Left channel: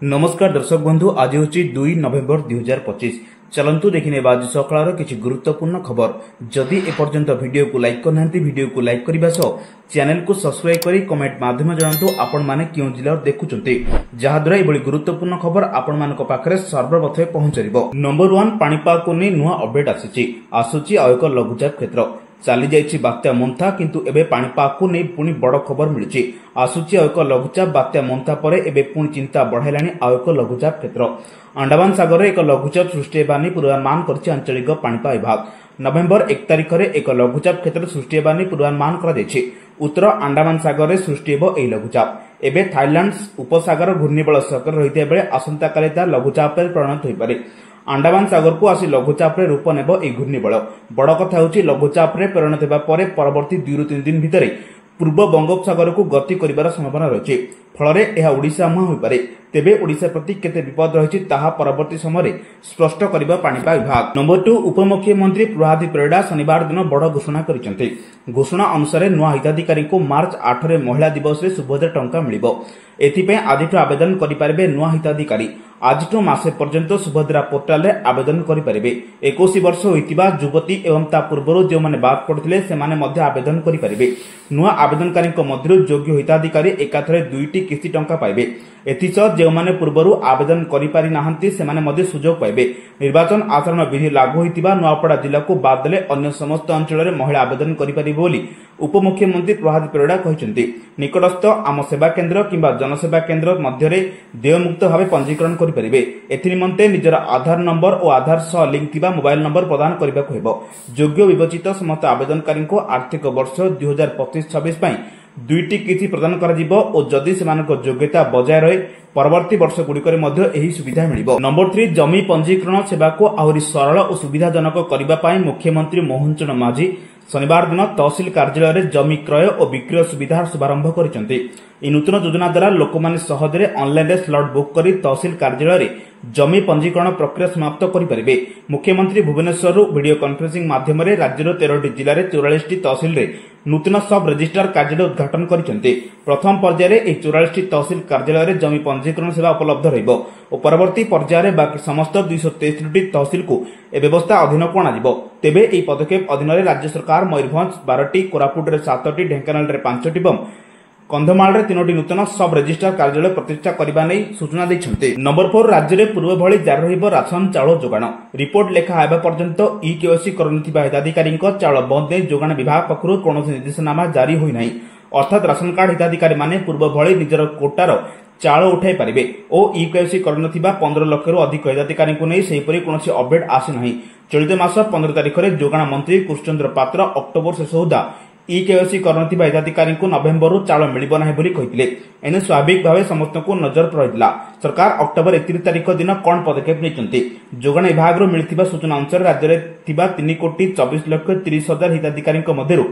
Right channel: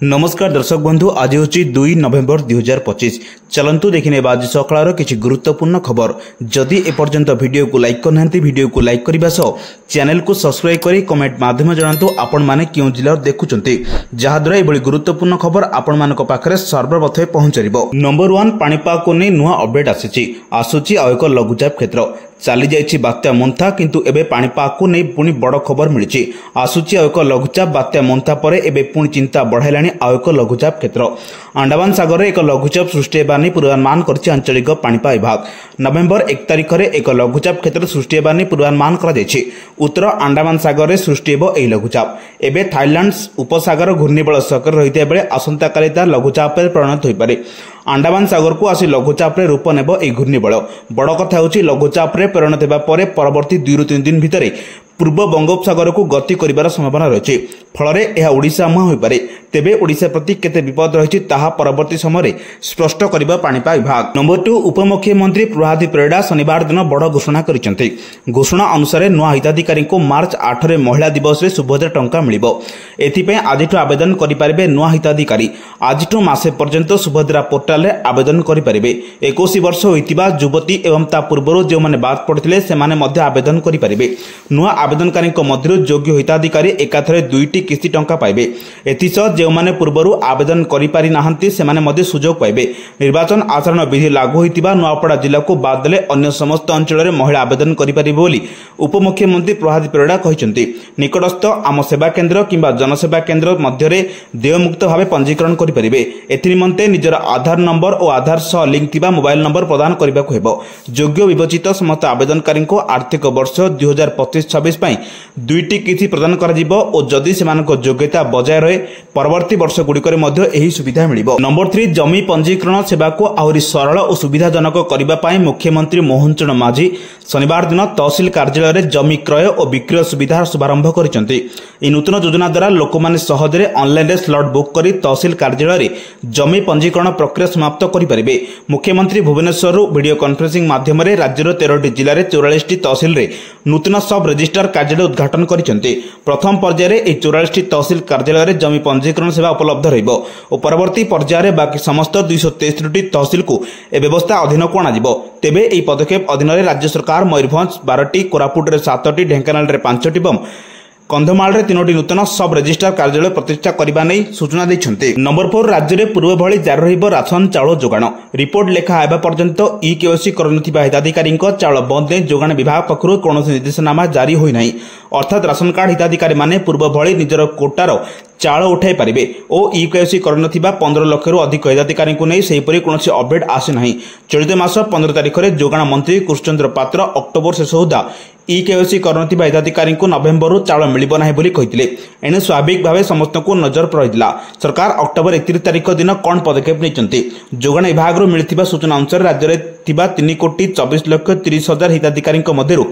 नमस्कार दर्शक बंधु आज हूँ 2 नवेम्बर 2025। चलतु देखने आज सकाल किसी गुरुत्वपूर्ण खबर। जदि एपर्यंत वीडियो को लाइक करना वीडियो को लाइक करने सह चैनल को सब्सक्राइब कर कमेंट माध्यम जनातु आपण माने क्यों जिला देखुंत जहाद्वारा ये गुरुत्वपूर्ण खबर आपण मान पाखे सर्वप्रथमे पहुंचो। नंबर 1 पाणीपाग को नहीं नुआ अपडेट आसूची आ एक लघुचाप क्षेत्र चली जाइए बात्या मोन्था किंतु एबे पाणीपाग को नहीं पुणी बड़ खबर मिली आसूची एक लघुचाप बात्या मोन्था पर एबे पुणी चिंता बढ़ाइलाणी आउ एक लघुचाप क्षेत्र अंडमान सागर एक लघुचाप सृष्टि होगा पूर्वानुमान कर आंचलिक पाणीपाग विभाग। नवेम्बर 1 तारिख में एक लघुचाप क्षेत्र सृष्टि होगा पूर्वानुमान कर उत्तर अंडमान सागर में सृष्टि हो यह लघुचाप एवं थाईलैंड उपसागर घूर्णिबल सक्रिय रही बेले आसंता काली लघुचाप परिणत हो पारे। अंडमान सागर को आसी लघुचाप रूप नेब यह घूर्णिबल। बड़ कथा होची लघुचाप परिणत होगा परवर्ती 2 ରୁ 3 दिन भितर पूर्व बंगोपसागर को गति कर संभावना रही फल यह ओडिशा मुहां हो पारे। तेबे ओडिशा प्रति केते विपद रही परवर्ती समय स्पष्ट कर पाणीपाग विभाग। नंबर 2 उपमुख्यमंत्री प्रभात परिड़ा शनिवार दिन बड़ घोषणा करछन्ते। घोषणा अनुसार नुआ हिताधिकारी को मार्च 8 रे महिला दिवस रे सुभद्रा टंका मिलिबो। एथिपे आजिठु आवेदन करिपारिबे नुआ हिताधिकारी। आजिठु मासे पर्यंत सुभद्रा पोर्टाल रे आवेदन करिपारिबे। 21 वर्ष होइतिबा युवती एवं ता पूर्वरु जे माने बाद पड़थिले सेमाने मध्ये आवेदन करिपारिबे। नुआ आवेदनकारी मध्य योग्य हिताधिकारी एकाथरे 2टी किस्ती टंका पाइबे। एथिसह जो माने पूर्वरु आवेदन करि पारि नाहंती सेमाने मध्ये सुजोग पाइबे। निर्वाचन आचरण विधि लागू होइतिबा नुआपड़ा जिला को बाद देले अन्य समस्त अंचल रे महिला आवेदन करि पारिबे बोली उपमुख्यमंत्री प्रभात परिड़ा कहिसंती। निकटस्थ आम सेवा केन्द्र किंबा जनसेवा केन्द्र मध्य रे देयमुक्त भावे पंजीकरण करि पारिबे। एथि निमंते निजर आधार नंबर और आधार सह लिंक थिबा मोबाइल नंबर प्रदान करिबाको हेबो। योग्य विवेचित समस्त आवेदनकारी को आर्थिक वर्ष 2025-26 2टी किस्ती प्रदान करा जिवो और जदि सेमानक योग्यता बजाय रहे परवर्ती वर्ष गुड़िकर यही सुविधा मिलिबो। नंबर 3 जमी पंजीकरण सेवा को आहुरी सरल और सुविधाजनक करबा पई मुख्यमंत्री मोहन चरण माझी शनिवार दिन तहसिल कार्यालय रे जमी क्रय और विक्रय सुविधा शुभारंभ करिसंती। ई नूतन योजना द्वारा लोक माने सहजरे ऑनलाइन रे स्लॉट बुक करी तहसिल कार्यालय रे जमी पंजीकरण प्रक्रिया समाप्त करि परिबे। मुख्यमंत्री भुवनेश्वर वीडियो कॉन्फ्रेंसिंग माध्यम रे राज्यर 13टी जिल्ला रे 44टी तहसिल रे नूतन सब रजिस्ट्रार कार्यालय उद्घाटन करिसंती। प्रथम पर्याय रे 44टी तहसिल कार्यालय रे जमी पंजीकरण सेवा उपलब्ध रहिबो और परवर्ती पर्याय रे बाकी समस्त 263टी तहसिल को ए व्यवस्था अधीन को आना तेबे एही पदक्षेप अधीन रे राज्य सरकार मयूरभंज 12टी, कोरापुट रे 7टी, ढेंकानाल रे 5टी एवं कंधमाल रे 3टी नूतन सब रजिस्ट्रार कार्यालय प्रतिष्ठा करबा नै सूचना दैछन्ते। नंबर 4 राज्य रे पूर्व भଳି जारी रहिबो राशन चाउल जोगाण। रिपोर्ट लेखा आबा पर्यंत केवाईसी करनथिबा हिताधिकारी चाउल बंद नै जोगाण विभाग पक्षरु कोनोसी निर्देशनामा जारी होई नै। अर्थात राशन कार्ड हिताधिकारी माने पूर्व भଳି निजर कोटार चाउल उठाई पारिबे और केवाईसी करनथिबा 15 लाख रु अधिक हिताधिकारी को नै सेहिपरि कोनोसी अपडेट आसे नाही। चलित मास 15 तारिख रे जोगाण मंत्री कृष्णचंद्र पात्र अक्टोबर शेष सुधा केवाईसी करनथिबा हिताधिकारी को नवेम्बर रु चाउल मिलिबो नाही बोली कहिथिले। एने स्वाभाविक भावे समस्त को नजर रहितला। सरकार अक्टोबर 31 तारिख दिन कोन पदक्षेप नैचंती। जोगाण विभाग रु मिलिथिबा सूचना अनुसार राज्य रे थिबा 3,24,30,000 हिताधिकारी मध्यरु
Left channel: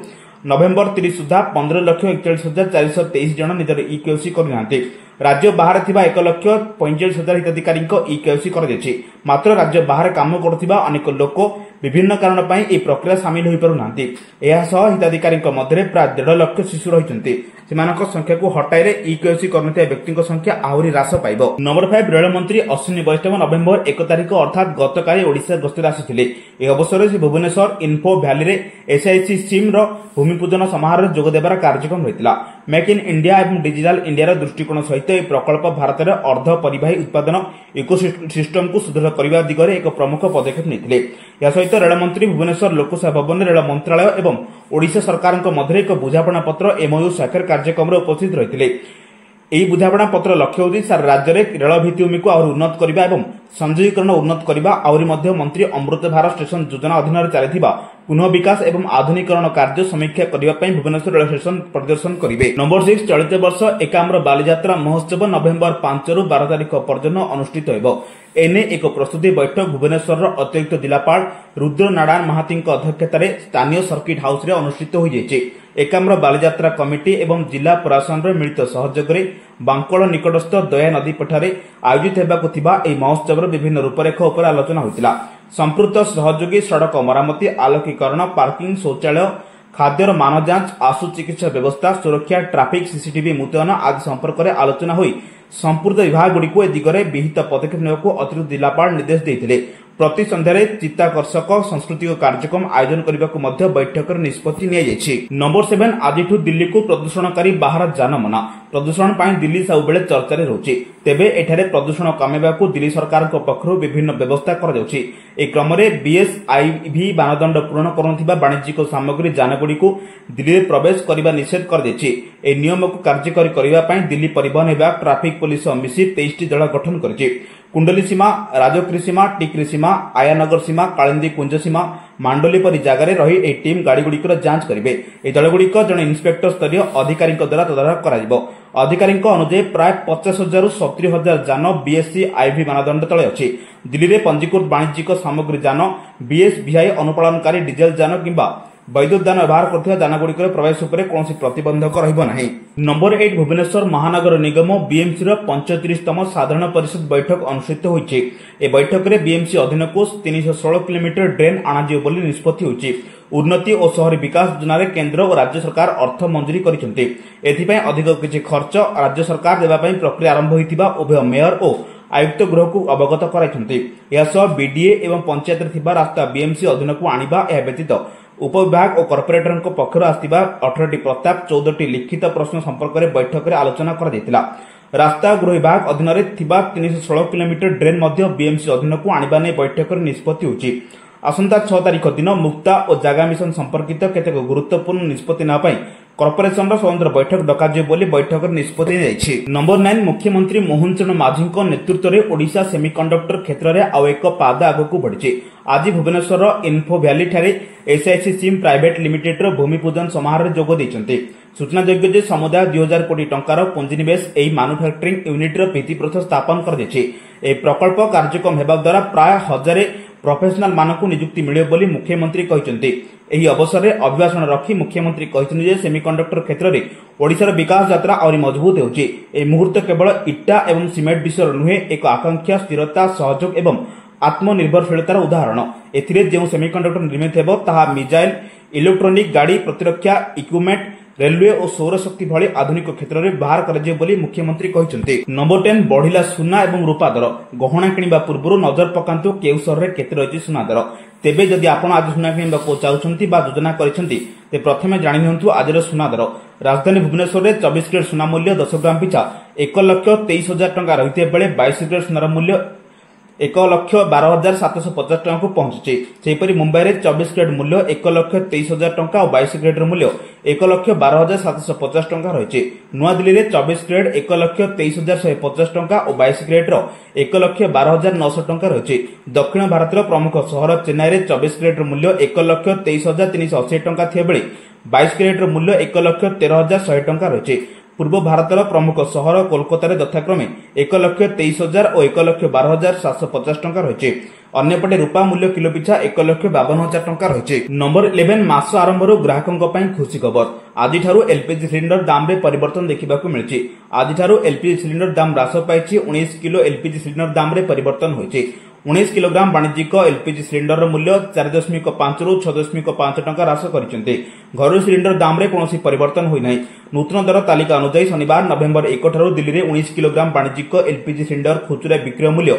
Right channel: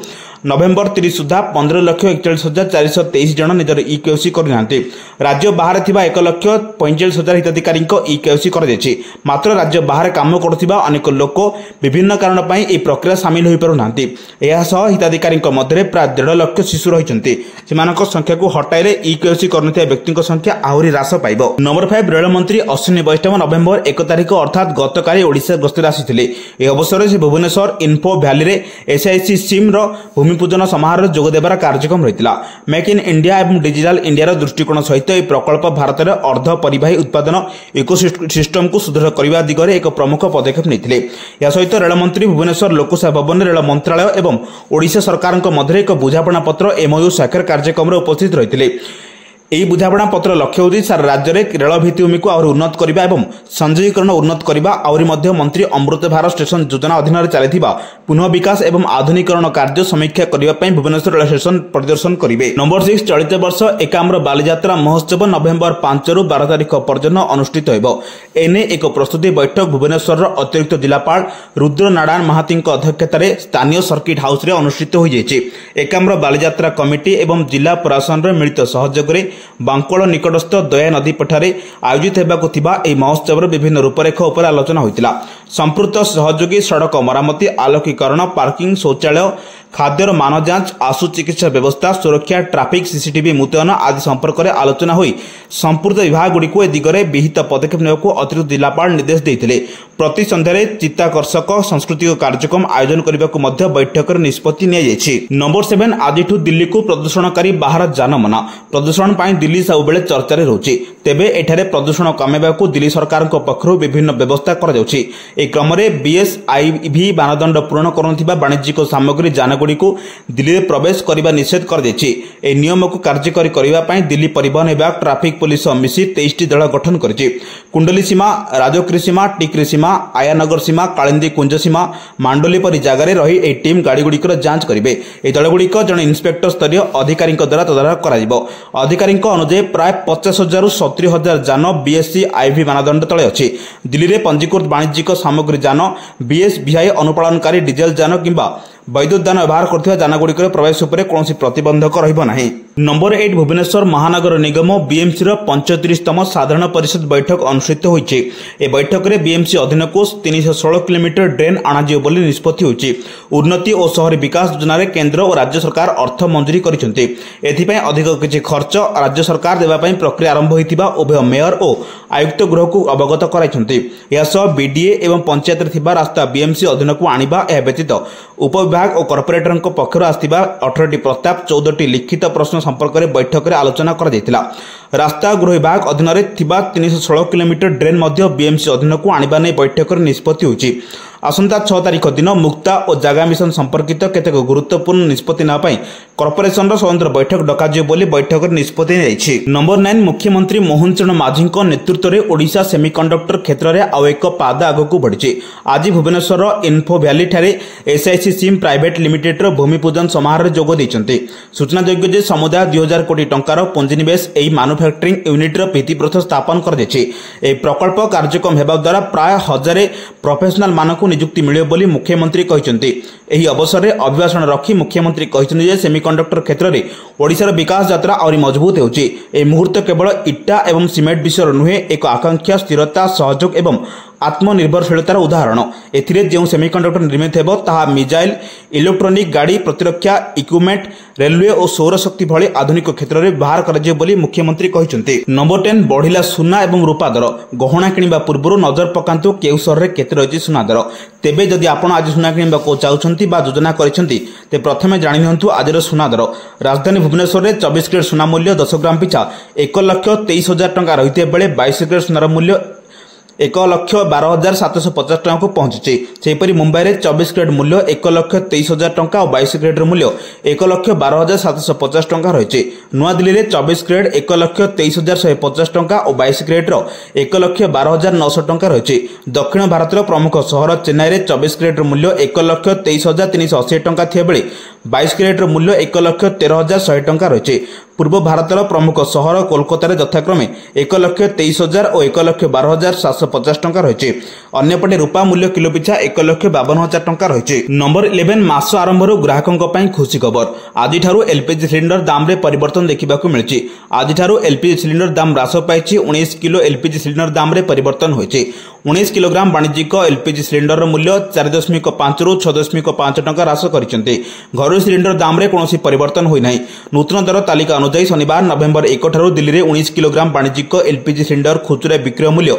नवेम्बर 30 सुधा 15,41,423 जन निजर केवाईसी करनांती। राज्य बाहर थिबा 1,45,000 हिताधिकारी केवाईसी कर देछि। मात्र राज्य बाहर काम करथिबा अनेक लोक विभिन्न कारण पई ए प्रक्रिया शामिल होई पारु नांती। एहा सह हिताधिकारी मध्य प्राय 1.5 लाख शिशु रहिचंती। सेमानक संख्या को हटाइले केवाईसी करनथिबा व्यक्तिक संख्या आहुरी ह्रास पाइबो। नंबर 5 रेल मंत्री अश्विनी वैष्णव नवेम्बर 1 तारिख अर्थात गतकाली ओडिशा गस्तर आसिथिले। ए अवसर से भुवनेश्वर इन्फो भैली रे एसआईसी सिम रो भूमिपूजन समारोह जोग देबार कार्यक्रम रहितला। मेक इन इंडिया एवं डिजिटल इंडिया रो दृष्टिकोण सहित ए प्रकल्प भारत रे अर्ध परिवाही उत्पादन इकोसिस्टम को सुदृढ़ करबा दिगरे एक प्रमुख पदक्षेप नैथिले। या सहित रेल मंत्री भुवनेश्वर लोकसेवा भवन रेल मंत्रालय एवं ओडिशा सरकार मध्य एक बुझापणा पत्र एमओयू स्वाक्षर कार्यक्रम में उपस्थित रही। यह बुझापणा पत्र लक्ष्य होती सारा राज्य में रेल भित्तिभूमि को आहुरी उन्नत करने और संजीकरण उन्नत करने आहुरी मंत्री अमृत भारत स्टेशन योजना अधीन चली पुनः विकास एवं आधुनिकरण कार्य समीक्षा करने भुवनेश्वर रेल स्टेशन परिदर्शन करेंगे। नंबर 6 चलित वर्ष एकाम्र बालीजात्रा महोत्सव नवेम्बर 5 ରୁ 12 तारिख पर्यंत अनुष्ठित होइबो। एने एक प्रस्तुति बैठक भुवनेश्वर अतिरिक्त जिलापाल रुद्र नारायण महाती अध्यक्षतार स्थानीय सर्किट हाउस रे अनुष्ठित हो जाइए। एकाम्र बालीजात्रा कमिटी एवं जिला प्रशासन मिलित सहयोग में बांकोल निकटस्थ दया नदी पठारे आयोजित होगा महोत्सव विभिन्न रूपरेखा उपर आलोचना होता। संपृक्त सहयोगी सड़क मरामती, आलोकीकरण, पार्किंग, शौचालय, खाद्यर मान जांच, आशु चिकित्सा व्यवस्था, सुरक्षा, ट्राफिक, सीसीटीवी मुतयन आदि संपर्क में आलोचना हुई संपूर्ण विभाग गुड़िक ए दिगरे विहित पदक्षेप नेबाकू अतिरिक्त जिलापाल निर्देश देते। प्रति संध्यारे चित्ताकर्षक सांस्कृतिक कार्यक्रम आयोजन करने को बैठक में निष्पत्ति नियाଯାଇଛି। नंबर 7 आज दिल्ली को प्रदूषणकारी बाहर जान मना। प्रदूषण पर दिल्ली सब बेले चर्चा रहुछि। तेबे एठारे प्रदूषण कमेबाकू दिल्ली सरकार पक्षरु विभिन्न व्यवस्था करा जाउछि। ए क्रम में बीएसआईवी मानदंड पूरण करुनथिबा वाणिज्यिक सामग्री जानगुड़ी को दिल्ली में प्रवेश करने निषेध कर दैछि। ए नियम को कार्यकारी करबा पई दिल्ली परिवहन विभाग ट्राफिक पुलिस मिसी 23 दल गठन करिछि। कुंडली सीमा, राजौरी सीमा, टिकरी सीमा, आयानगर सीमा, कालिंदी कुंज सीमा, मांडोली परि जगार रही ए टीम गाड़ी गुड़िकर जांच करेंगे। ए दलगुड़िक जड़े इन्स्पेक्टर स्तरीय अधिकारी द्वारा तदारख कर अधिकारी अनुଯାयी प्राय 50,000 ରୁ 70,000 जान बीएसआईवी मानदंड तले अच्छी। दिल्ली में पंजीकृत वाणिज्यिक सामग्री जान, बीएसवीआई अनुपालनकारी डीजेल जान किंबा वैद्युत यान व्यवहार करथिबा जानगुड़िक प्रवेश उपरे कौनसी प्रतिबंधक रहिबो नाही। नंबर 8 भुवनेश्वर महानगर निगम बीएमसी 35तम साधारण परिषद बैठक अनुष्ठित होइछि। ए बैठक में बीएमसी अधीन को 316 किलोमीटर ड्रेन आणाजियो बोली निष्पत्ति होइछि। उन्नति और शहरी विकास योजना रे केंद्र और राज्य सरकार अर्थ मंजूरी करिसेंति। एथिपई अधिक किछि खर्च राज्य सरकार देबा पई प्रक्रिया आरंभ होइतिबा उभय मेयर और आयुक्त गृह को अवगत कराइछंति। या सह बीडीए एवं पंचायत रे थिबा रास्ता बीएमसी अधीन को आनिबा ए व्यतीत उपविभाग और कॉर्पोरेटर पक्षर आसथिबा 18टी प्रस्ताव 14टी लिखित प्रश्न संपर्क में बैठक में आलोचना करा जायतिला। रास्ता गृह विभाग अधीन रे थिबा 316 किलोमीटर ड्रेन मध्य बीएमसी अधीन को आनिबा नै बैठक में निष्पत्ति होइछि। आसंता 6 तारिख दिन मुक्ता और जागा मिशन संपर्कित केतेक गुरुत्वपूर्ण निष्पत्ति ना पाई कॉर्पोरेशन स्वतंत्र बैठक डकाजियो बोली बैठक में निष्पत्ति जाइछि। नंबर 9 मुख्यमंत्री मोहन चरण माझी नेतृत्व में ओडिशा सेमीकंडक्टर क्षेत्र में आउ एक पाद आगक बढ़ी। आज भुवनेश्वर इन्फो भैली ठारे एसआईसी सिम प्राइवेट लिमिटेड भूमि पूजन समारोह में जोग देइछन्ति। सूचनायोग्य जे समुदाय 2000 कोटी टंकार पुंजीनिवेश एही मैन्युफैक्चरिंग यूनिट भित्तिप्रस्तर स्थापन कर दैछि। ए प्रकल्प कार्यक्रम हेबा द्वारा प्राय 1000 प्रोफेशनल मानक नियुक्ति मिले बोली मुख्यमंत्री कहते। एही अवसर में अभिभाषण रखी मुख्यमंत्री कहते जे सेमीकंडक्टर क्षेत्र में ओडिशार विकास यात्रा और मजबूत होउछि। ए मुहूर्त केवल इटा एवं सिमेंट विषय नुहे, एक आकांक्षा, स्थिरता, सहयोग एवं आत्मनिर्भरशीलतार उदाहरण। एथिरे जो सेमीकंडक्टर निर्मित हेबो ताहा मिसाइल, इलेक्ट्रोनिक गाड़ी, प्रतिरक्षा इक्विपमेंट, रेलवे और सौर शक्ति भली आधुनिक क्षेत्र में व्यवहार कराଯିବ बोली मुख्यमंत्री कहते। नंबर 10 बढ़िला सुना एवं रूपा दर। गहना किनिबा पूर्व नजर पकांतु केउ शहर रे केते रहिछि सुना दर। तेबे जदि आपण आज सुना किनिबा को चाहुछंती बा योजना करिसंती ते प्रथमे जानि नियंतु आजर सुना दर। राजधानी भुवनेश्वर रे 24 कैरेट सुना मूल्य 10 ग्राम पिछा 1,23,000 टंका रहिते बेले 22 कैरेट सुनार मूल्य 1,12,750 टंका को पहुंची। सेहीपरि मुंबई में 24 कैरेट मूल्य 1,23,000 टंका और 22 कैरेट मूल्य 1,12,750 टंका रही। नुआ दिल्ली में 24 कैरेट 1,23,150 टंका और 22 कैरेट 1,12,900 टंका रही। दक्षिण भारत प्रमुख सहर चेन्नई में 24 कैरेट मूल्य 1,23,380 टंका थिया बेले 22 कैरेट मूल्य 1,13,100 टंका रही। पूर्व भारत प्रमुख सहर कोलकाता यथाक्रमे 1,23,000 और 1,12,750 टंका रही। अन्यपटे रूपा मूल्य किलो पिछा 1,52,000 टंका रही। नंबर 11 मास आरंभ ग्राहकों खुशी खबर। आज एलपीजी सिलिंडर दाम रे परिवर्तन देखा मिली। आज एलपीजी सिलिंडर दाम ह्रास पाई। 19 किलो एलपीजी सिलिंडर दाम रे परिवर्तन होइछि। 19 किलोग्राम वाणिज्यिक एलपीजी सिलिंडर मूल्य 4.5 ରୁ 6.5 टंका ह्रास करछन्ते। घरोई सिलिंडर दाम रे कोनोसी परिवर्तन होई नाही। नूतन दर तालिका अनुसार शनिवार नवेम्बर 1 ठारू दिल्ली में 19 किलोग्राम वाणिज्यिक एलपीजी सिलिंडर खुचरा विक्रय मूल्य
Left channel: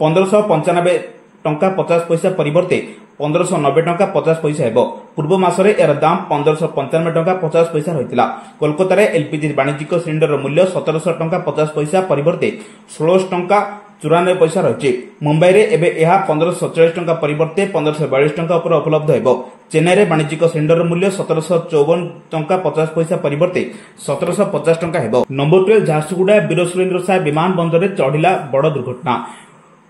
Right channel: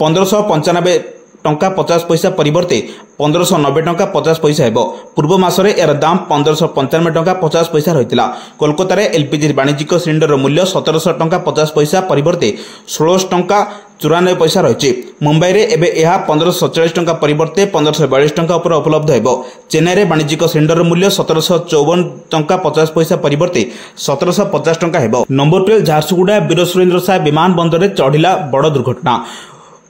1595 टंका 50 पैसा परिवर्ते 1590 टंका 50 पैसा हेबो। पूर्व मासरे यार दाम 1595 टंका 50 पैसा रहितला। कोलकाता रे एलपीजी वाणिज्यिक सिलिंडर मूल्य 1700 टंका 50 पैसा परिवर्ते 1600 टंका 94 पैसा रही। मुंबई रे एबे यह 1547 टंका परिवर्ते 1542 टंका पर उपलब्ध हेबो। चेन्नई रे वाणिज्यिक सिलिंडर मूल्य 1754 टंका 50 पैसा परिवर्ते 1750 टंका हेबो। नंबर 12 झारसुगुड़ा वीर सुरेंद्र साय विमान बंदर रे चढ़िला बड़ दुर्घटना।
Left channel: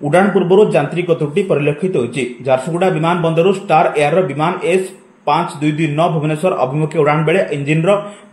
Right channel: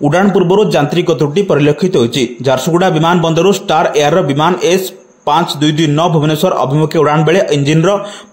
उड़ान पूर्व यांत्रिक त्रुटि परिलक्षित होइछि। झारसुगुड़ा विमान बंदर स्टार एयर विमान S5229 भुवनेश्वर अभिमुखे उड़ान बेले इंजिन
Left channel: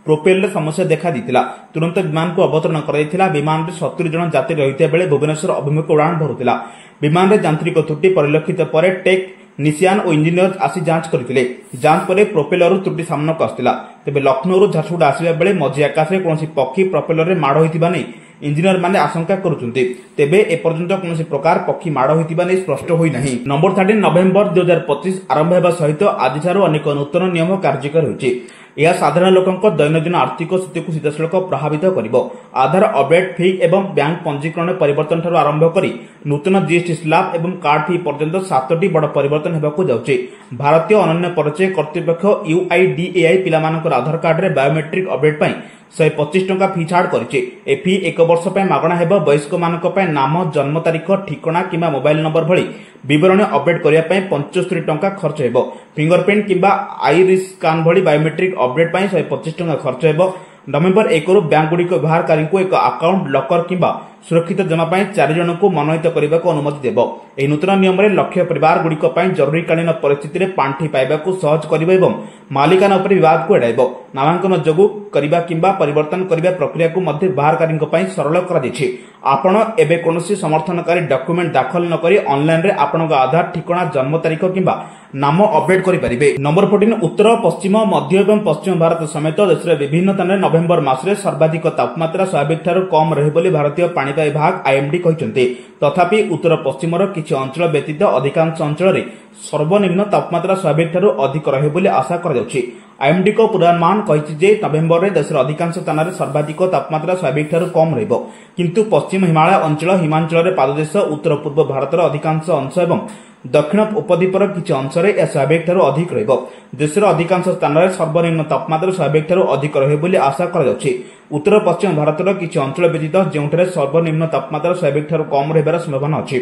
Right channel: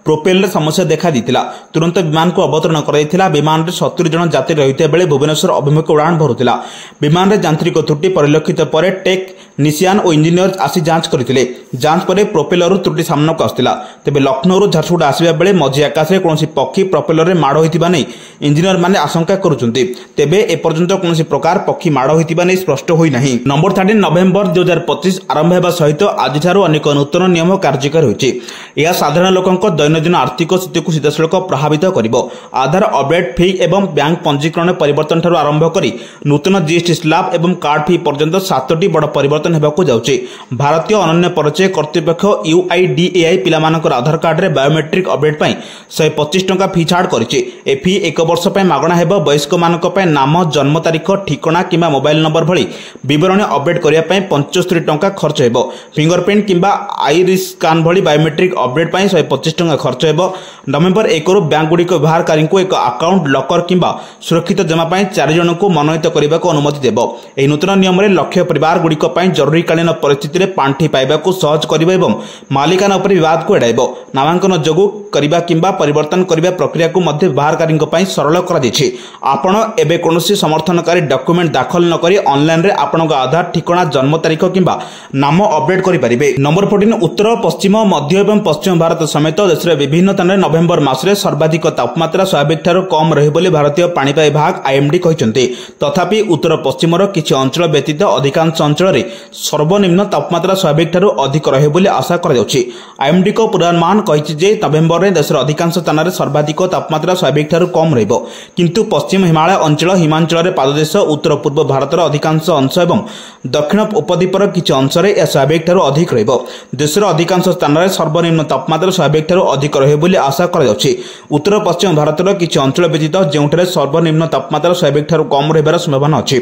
प्रोपेल समस्या देखा देता। तुरंत विमान को अवतरण कर विमान में 70 जन यात्री रही बेले भुवनेश्वर अभिमुखे उड़ान भरुला। विमान में यांत्रिक त्रुटि परिलक्षित पर टेक निसियान और इंजीनियर्स आसी जांच करथिले। जांच पर प्रोपेलर त्रुटि सामना को आसला। तेबे लखनऊ झारसुगुड़ा आसवा बेले मझी आकाश में कौन पक्षी प्रोपेलर माड़ होता नहीं इंजीनियर मैंने आशंका करुछन्ति। तेबे एपर्यंत कौन प्रकार पक्षी माड़ होता नहीं स्पष्ट होई नहीं। नंबर 13 नवेम्बर 2025 आरंभ होगा सहित आज अनेक नूतन नियम कार्यकारी होइछि। यह साधारण लोकंक दैनंदिन आर्थिक स्थिति को सीधासलख प्रभावित करिबो। आधार अपडेट फी एवं बैंक पंजीकरण परिवर्तन ठारू आरंभ करी नूतन जीएसटी स्लैब एवं कार्ड फी पर्यंत 7टी बड़ परिवर्तन हेबाकू जाउछि। भारतीय अनन्य परिचय कर्तृपक्ष UIDAI पिलामानकर आधार कार्ड रे बायोमेट्रिक अपडेट पई 125 टंका फी छाड़ करिछि। ए फी 1 वर्ष पई मागणा हेबो। वयस्क मानक पई नाम, जन्म तारीख, ठिकाना किंबा मोबाइल नंबर भली विवरण अपडेट करिया पई 75 टंका खर्च हेबो। फिंगरप्रिंट किंबा आईरिस स्कैन भली बायोमेट्रिक अपडेट पई 125 टंका खर्च हेबो। नवेम्बर 1 रु बैंक गुडी को व्यवहारकारी को एक अकाउंट लॉकर किंबा सुरक्षित जमा पई 4 जन को मनोनीत करने को अनुमति देबो। एही नूतन नियम रे लक्ष्य परिवार गुडी को पई जरूरीकालीन परिस्थिति रे पांठी पाइबा को सहज करिबो एवं मालिकाना उपर विवाद को एडाइबो। नामांकन जोगु करिबा किंबा परिवर्तन करिबा प्रक्रिया को मध्य व्यवहारकारी पई सरल करा दैछि। आपण एबे कोनोसी समर्थनकारी डॉक्यूमेंट दाखल न करी ऑनलाइन रे आपनक आधार, ठिकाना, जन्म तारीख किंबा नाम अपडेट करि परिबे। नंबर 14 उत्तर, पश्चिम, मध्य एवं पश्चिम भारत समेत देश रे विभिन्न स्थान रे नवेम्बर मासरे सर्वाधिक तापमात्रा स्वाभाविक ठारू कम रहे बोली भारतीय पाणीपाग विभाग IMD कहिसंते। तथापि उत्तर पश्चिमर किछि अंचल व्यतीत अधिकांश अंचल रे सर्वनिम्न तापमात्रा स्वाभाविक ठारू अधिक रहे बोली आशा करा जाउछि। IMD को पूर्वानुमान कहिछि जे नवेम्बर रे देशर अधिकांश स्थान रे सर्वाधिक तापमात्रा स्वाभाविक ठारू कम रहइबो। किंतु पश्चिम हिमालय अंचल, हिमांचल रे पाददेश, उत्तर पूर्व भारतर अधिकांश अंश एवं दक्षिण उपद्वीपर किछि अंश रे या स्वाभाविक ठारू अधिक रहइबो। देशर अधिकांश स्थान रे सर्वनिम्न तापमात्रा स्वाभाविक ठारू अधिक रहे बोली आशा करा जाउछि। उत्तर पश्चिम भारतर किछि अंचल व्यतीत जेउठारे सर्वनिम्न तापमात्रा स्वाभाविक ठारू कम रहिबार संभावना अछि।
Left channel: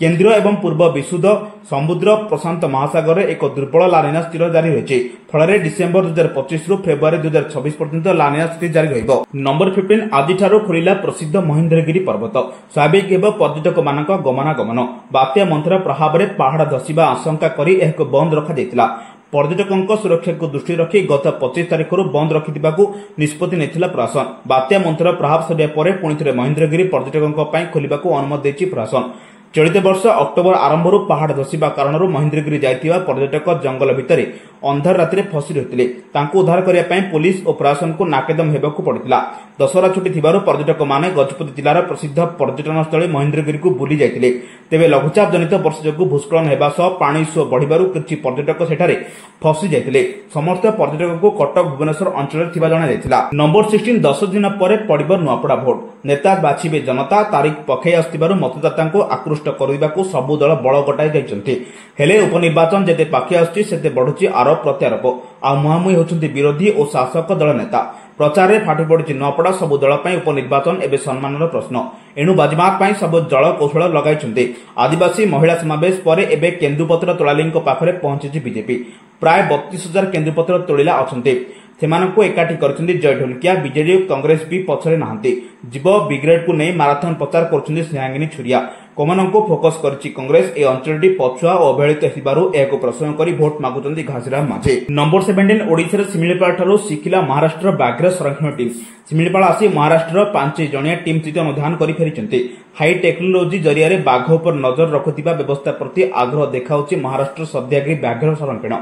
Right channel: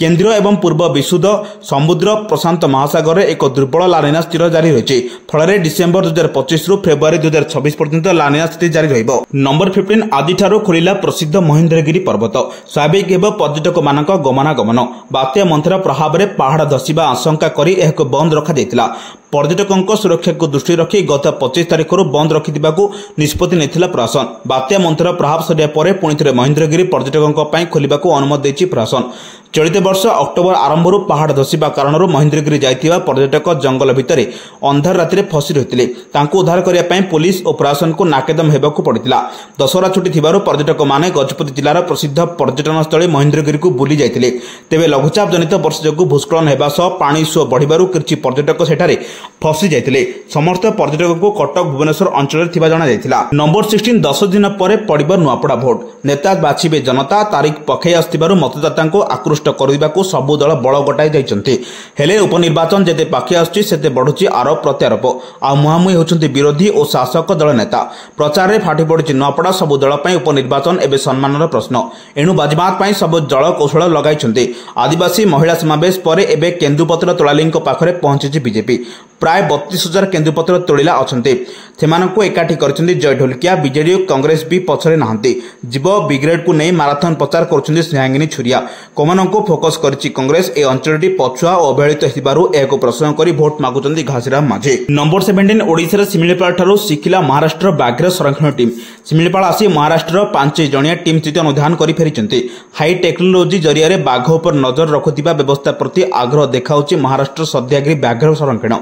केंद्रीय एवं पूर्व विशुद्ध समुद्र प्रशांत महासागर एक दुर्बल लानिना स्थिर जारी रहिछि। फଳରେ डिसेंबर 2025 रु फेब्रुआरी 2026 पर्यंत लानिना स्थिति जारी रहिबो। नंबर 15 आदि ठारू खोलिला प्रसिद्ध महेंद्रगिरी पर्वत। स्वाभाविक हेबो पर्यटक मानक गमनागमन। बात्या मंथर प्रभाव रे पहाड़ धसिबा आशंका करी एहाको बंद रखा दैतिला। पर्यटकों सुरक्षा को दृष्टि रखी गत 25 तारिख बंद रखिथिबाकू निष्पत्ति नेथिला प्रशासन। बात्या मंथर प्रभाव सरिया परे पुणी थे महेंद्रगिरी पर्यटकों पई खोलिबाकू अनुमति दैछि प्रशासन। चलित वर्ष अक्टोबर आरंभ पहाड़ धसिबा कारण महेंद्रगिरी जाइथिबा पर्यटक जंगल भितर अंधार राति फसी रहिथिले। तांको उद्धार करिया पई पुलिस और प्रशासन को नाकेदम हेबाकू पड़िथिला। दशहरा छुट्टी थिबारु पर्यटक माने गजपति जिलार प्रसिद्ध पर्यटन स्थल महेंद्रगिरी को बुली जाइथिले। तेबे लघुचाप जनित वर्षा जोगु भूस्खलन हेबा सह पानी सुଅ बढ़िबारु किछि पर्यटक सेठारे फसी जाइथिले। समस्त पर्यटक को कटक, भुवनेश्वर अंचल थिबा जणा जाइथिला। नंबर 16 10 दिन परे पड़िबो नुआपड़ा भोट। नेता बाछिबे जनता। तारीख पखै आस्तिबारु मतदाता को आकृष्ट करदिबाकू सबु दल बळ गटाई जाइछन्ति। हेले उपनिर्वाचन जेते पाखि आछी सेते बढुची आरोप प्रत्यारोप। आ मुहामुही होछन्ति विरोधी और शासक दल नेता। प्रचार रे फाटी पड़िछि नुआपड़ा। सबु दल पई उपनिर्वाचन एबे सम्मानर प्रश्न। एणु बाजीमात पई सब जळ कौशल लगाइछन्ति। आदिवासी महिला समावेश परे एबे केन्दुपत्र तोलालीଙ୍କ पाखरे पहुंचिछि बीजेपी। प्राय 32,000 केन्दुपत्र तोलिला अछन्ति। सेमानकु एकाठी करछन्ति जय ढोलकिया। बीजेडी और कांग्रेस भी पछरे नाहंती। जीव ब्रिगेड को नहीं माराथन प्रचार करछन्ति स्नेहांगिनी छुरिया। कोमानकु फोकस करछि कांग्रेस। ए अंचलटी पछुआ और अवहेलित हेबारु एको प्रश्न करी भोट मागुछन्ति घासीराम माझी। नंबर 17 ओडिसा रे सिमिलीपाल ठारू सिखिला महाराष्ट्र व्याघ्र संरक्षण टीम। सिमिलीपाल आसी महाराष्ट्र 5 जणिया टीम स्थित अनुधान करी फेरिछन्ति। हाई टेक्नोलोजी जरिया रे बाघ उपर नजर रखुथिबा व्यवस्था प्रति आग्रह देखाउछि महाराष्ट्र सद्यागिरी व्याघ्र संरक्षण।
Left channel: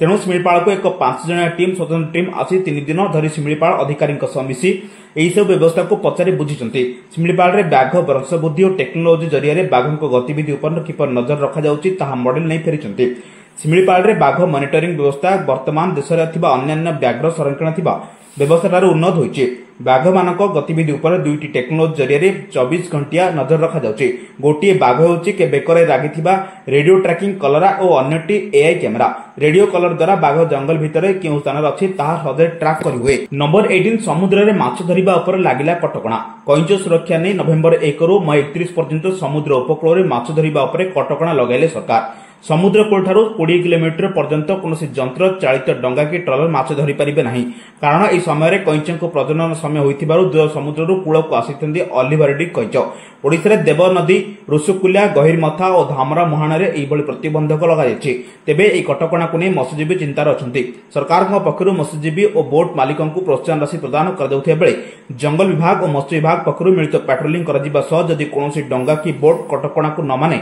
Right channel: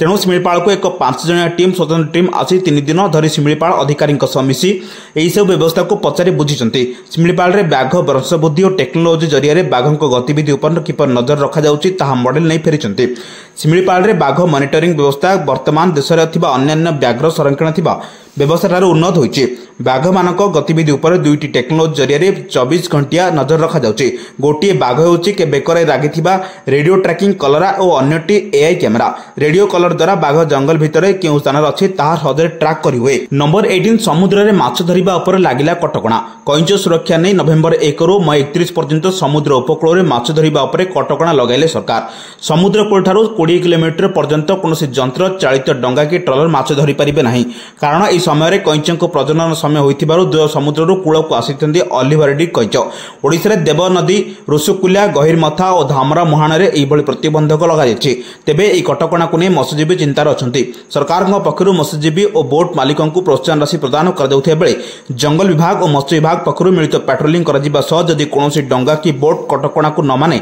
तेणु सिमिलीपाल को एक 5 जणिया टीम स्वतंत्र टीम आसी 3 दिन धरी सिमिलीपाल अधिकारी मिसी यही सब व्यवस्था को पचारि बुझिछन्ति। सिमिलीपाल रे बाघ वंशवृद्धि और टेक्नोलोजी जरिया रे बाघक गतिविधि उपर किपर नजर रखा जाउछि ताहा मॉडल नहीं फेरिछन्ति। सिमिलीपाल रे बाघ मॉनिटरिंग व्यवस्था वर्तमान देश रे थिबा अन्य व्याघ्र संरक्षण थिबा व्यवस्था ठारू उन्नत होइछि। बाघ मानक गतिविधि उपर 2टी टेक्नोलोजी जरिया रे 24 घंटिया नजर रखा जाउछि। गोटिए बाघ होउछि के बेकरे रागिथिबा रेडियो ट्रैकिंग कलरा और अन्यटी AI कैमेरा। रेडियो कलर द्वारा बाघ जंगल भितर केउ स्थान अछि ताहा सदे ट्रैक करि हुए। नंबर 18 समुद्र रे माछ धरिबा उपर लागिला कटकणा। कइंच सुरक्षा नै नवेम्बर 1 रु मई 31 पर्यंत समुद्र उपकूल रे माछ धरिबा उपर कटकणा लगाइले सरकार। समुद्र कूल ठारू 20 किलोमीटर पर्यंत कोनोसी यंत्र चालित डंगा कि ट्रलर माछ धरि परिबे नाही। कारण समय कईच प्रजनन समय होइथिबारु द्वय समुद्रରୁ कूलକୁ ଆସିଛନ୍ତି ଅଲିଭରିଡି କଇଁଚ। ଓଡ଼ିଶାରେ ଦେବ ନଦୀ, ଋଷିକୁଲ୍ୟା, ଗହିରମଥା ଓ ଧାମରା ମୁହାଣରେ ଏହିଭଳି ପ୍ରତିବନ୍ଧକ ଲଗାଯାଇଛି। ତେବେ ଏହି କଟକଣାକୁ ନେଇ ମତ୍ସ୍ୟଜୀବୀ ଚିନ୍ତାରେ ଅଛନ୍ତି। ସରକାରଙ୍କ ପକ୍ଷରୁ ମତ୍ସ୍ୟଜୀବୀ ଓ ବୋଟ୍ ମାଲିକଙ୍କୁ ପ୍ରୋତ୍ସାହନ ରାଶି ପ୍ରଦାନ କରାଯାଉଥିବା ବେଳେ ଜଙ୍ଗଲ ବିଭାଗ ଓ ମତ୍ସ୍ୟ ବିଭାଗ ପକ୍ଷରୁ ମିଳିତ ପାଟ୍ରୋଲିଂ କରାଯିବା ସହ ଯଦି କୌଣସି ଡଙ୍ଗା କି ବୋଟ୍ କଟକଣାକୁ ନ ମାନେ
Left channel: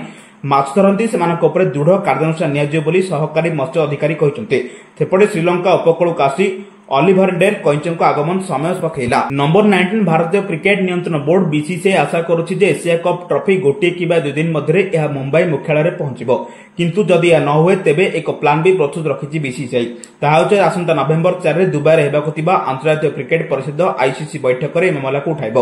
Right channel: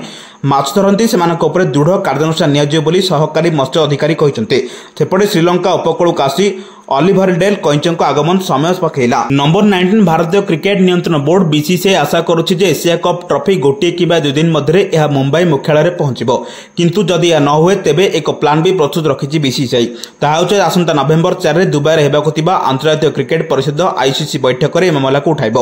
ମାଛ ଧରନ୍ତି ସେମାନଙ୍କ ଉପରେ ଦୃଢ଼ କାର୍ଯ୍ୟାନୁଷ୍ଠାନ ନିଆଯିବ ବୋଲି ସହକାରୀ ମତ୍ସ୍ୟ ଅଧିକାରୀ କହିଛନ୍ତି। ସେପଟେ ଶ୍ରୀଲଙ୍କା ଉପକୂଳକୁ ଆସି ଅଲିଭରିଡେଲ୍ କଇଁଚଙ୍କ ଆଗମନ ସମୟ ପକାଇଲା। ନମ୍ବର 19 ଭାରତୀୟ କ୍ରିକେଟ ନିୟନ୍ତ୍ରଣ ବୋର୍ଡ ବିସିସିଆଇ ଆଶା କରୁଛି ଯେ ଏସିଆ କପ୍ ଟ୍ରଫି ଗୋଟିଏ କିମ୍ବା 2 ଦିନ ମଧ୍ୟରେ ଏହା ମୁମ୍ବାଇ ମୁଖ୍ୟାଳୟରେ ପହଞ୍ଚିବ। କିନ୍ତୁ ଯଦି ଏହା ନ ହୁଏ ତେବେ ଏକ ପ୍ଲାନ୍ ବି ପ୍ରସ୍ତୁତ ରଖିଛି ବିସିସିଆଇ। ତାହା ହେଉଛି ଆସନ୍ତା ନଭେମ୍ବର 4ରେ ଦୁବାଇରେ ହେବାକୁ ଥିବା ଆନ୍ତର୍ଜାତୀୟ କ୍ରିକେଟ ପରିଷଦ ଆଇସିସି ବୈଠକରେ ଏହି ମାମଲାକୁ ଉଠାଇବ।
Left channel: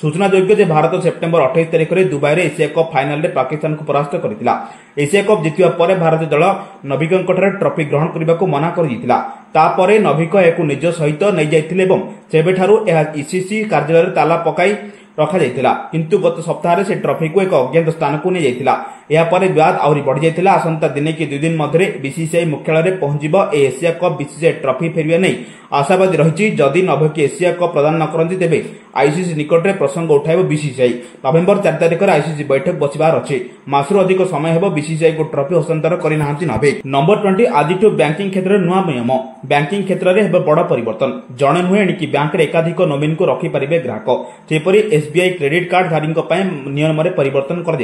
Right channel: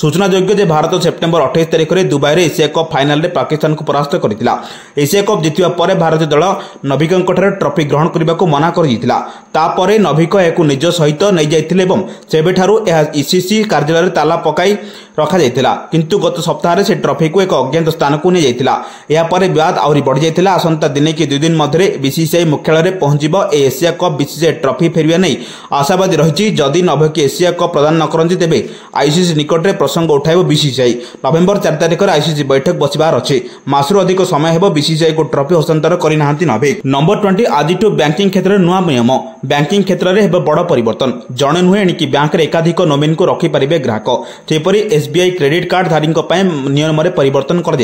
ସୂଚନାଯୋଗ୍ୟ ଯେ ଭାରତ ସେପ୍ଟେମ୍ବର 28 ତାରିଖରେ ଦୁବାଇରେ ଏସିଆ କପ୍ ଫାଇନାଲରେ ପାକିସ୍ତାନକୁ ପରାସ୍ତ କରିଥିଲା। ଏସିଆ କପ୍ ଜିତିବା ପରେ ଭାରତୀୟ ଦଳ ନଭିକଙ୍କଠାରେ ଟ୍ରଫି ଗ୍ରହଣ କରିବାକୁ ମନା କରିଦେଇଥିଲା। ତାପରେ ନଭିକ ଏହାକୁ ନିଜ ସହିତ ନେଇଯାଇଥିଲେ ଏବଂ ସେବେଠାରୁ ଏହା ଇସିସି କାର୍ଯ୍ୟାଳୟରେ ତାଲା ପକାଇ ରଖାଯାଇଥିଲା। କିନ୍ତୁ ଗତ ସପ୍ତାହରେ ସେ ଟ୍ରଫିକୁ ଏକ ଅଜ୍ଞାତ ସ୍ଥାନକୁ ନେଇଯାଇଥିଲା। ଏହାପରେ ବିବାଦ ଆହୁରି ବଢ଼ିଯାଇଥିଲା। ଆସନ୍ତା ଦିନେ କି 2 ଦିନ ମଧ୍ୟରେ ବିସିସିଆଇ ମୁଖ୍ୟାଳୟରେ ପହଞ୍ଚିବ ଏହି ଏସିଆ କପ୍ ବିସିସିଆଇ ଟ୍ରଫି ଫେରିବା ନେଇ ଆଶାବାଦୀ ରହିଛି। ଯଦି ନଭକି ଏସିଆ କପ୍ ପ୍ରଦାନ ନ କରନ୍ତି ତେବେ ଆଇସିସି ନିକଟରେ ପ୍ରସଙ୍ଗ ଉଠାଇବ ବିସିସିଆଇ। ନଭେମ୍ବର 4 ତାରିଖରେ ଆଇସିସି ବୈଠକ ବସିବାର ଅଛି। ମାସରୁ ଅଧିକ ସମୟ ହେବ ବିସିସିଆଇକୁ ଟ୍ରଫି ହସ୍ତାନ୍ତର କରିନାହାନ୍ତି ନଭିକ। ନମ୍ବର 20 ଆଜିଠୁ ବ୍ୟାଙ୍କିଂ କ୍ଷେତ୍ରରେ ନୂଆ ନିୟମ। ବ୍ୟାଙ୍କିଂ କ୍ଷେତ୍ରରେ ହେବ ବଡ଼ ପରିବର୍ତ୍ତନ। ଜଣେ ନୁହେଁ ଏଣିକି ବ୍ୟାଙ୍କରେ ଏକାଧିକ ନୋମିନକୁ ରଖିପାରିବେ ଗ୍ରାହକ। ସେହିପରି एसबीआई क्रेडिट कार्ड धारी नियम में परिवर्तन कर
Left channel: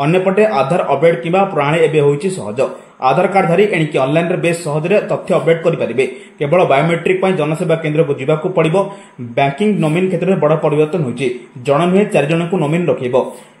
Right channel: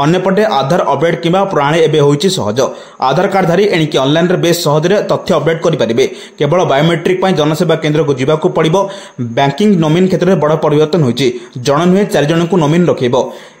अन्यपटे आधार अपडेट किंवा प्रणाली एवं होइछि सहज। आधार कार्ड धारी एणिकी ऑनलाइन रे बेस सहज तथ्य अपडेट करें। केवल बायोमेट्रिक जनसेवा केन्द्र को जावाक पड़ो। बैंकिंग नोमिन क्षेत्र में बड़ परिवर्तन होइछि। जण नुहे 4 जन को नोमिन रखिब।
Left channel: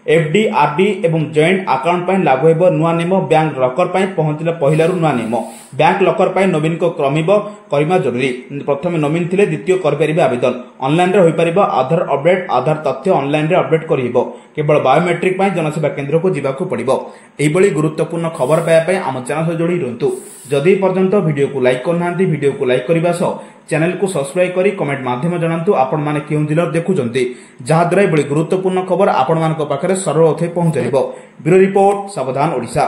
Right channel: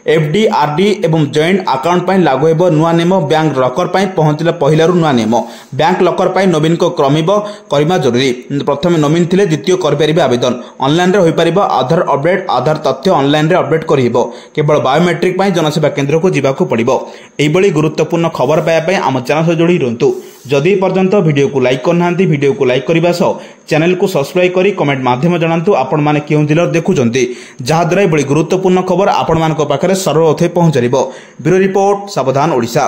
एफडी आरडी एवं जॉइंट अकाउंट लागू हेब नुआ नियम। बैंक लकर पहुंचला पहलू नुआ नियम। बैंक लकर नोमिन को क्रमिब करवा जरूरी। प्रथम नोमिन थिले द्वितीय करें आवेदन। ऑनलाइन रे होई परिबो आधार अपडेट। आधार तथ्य ऑनलाइन रे अपडेट करिबो। केवल बायोमेट्रिक जनसेवा केन्द्र को जावाक पड़ो। एभली गुरुत्वपूर्ण खबर पाइबा आम चैनल सह जोड़ी रुहतु। जदि पर्यंत वीडियो को लाइक करना वीडियो को लाइक करने सह चैनल को सब्सक्राइब करी कमेंट माध्यम जनातु आपण माने केउ जिल्ला देखुचंती जहाद्वारा एभली गुरुत्वपूर्ण खबर आपण मानक पाखरे सर्वप्रथमे पहुंचरिबो। ब्यूरो रिपोर्ट सावधान ओडिशा।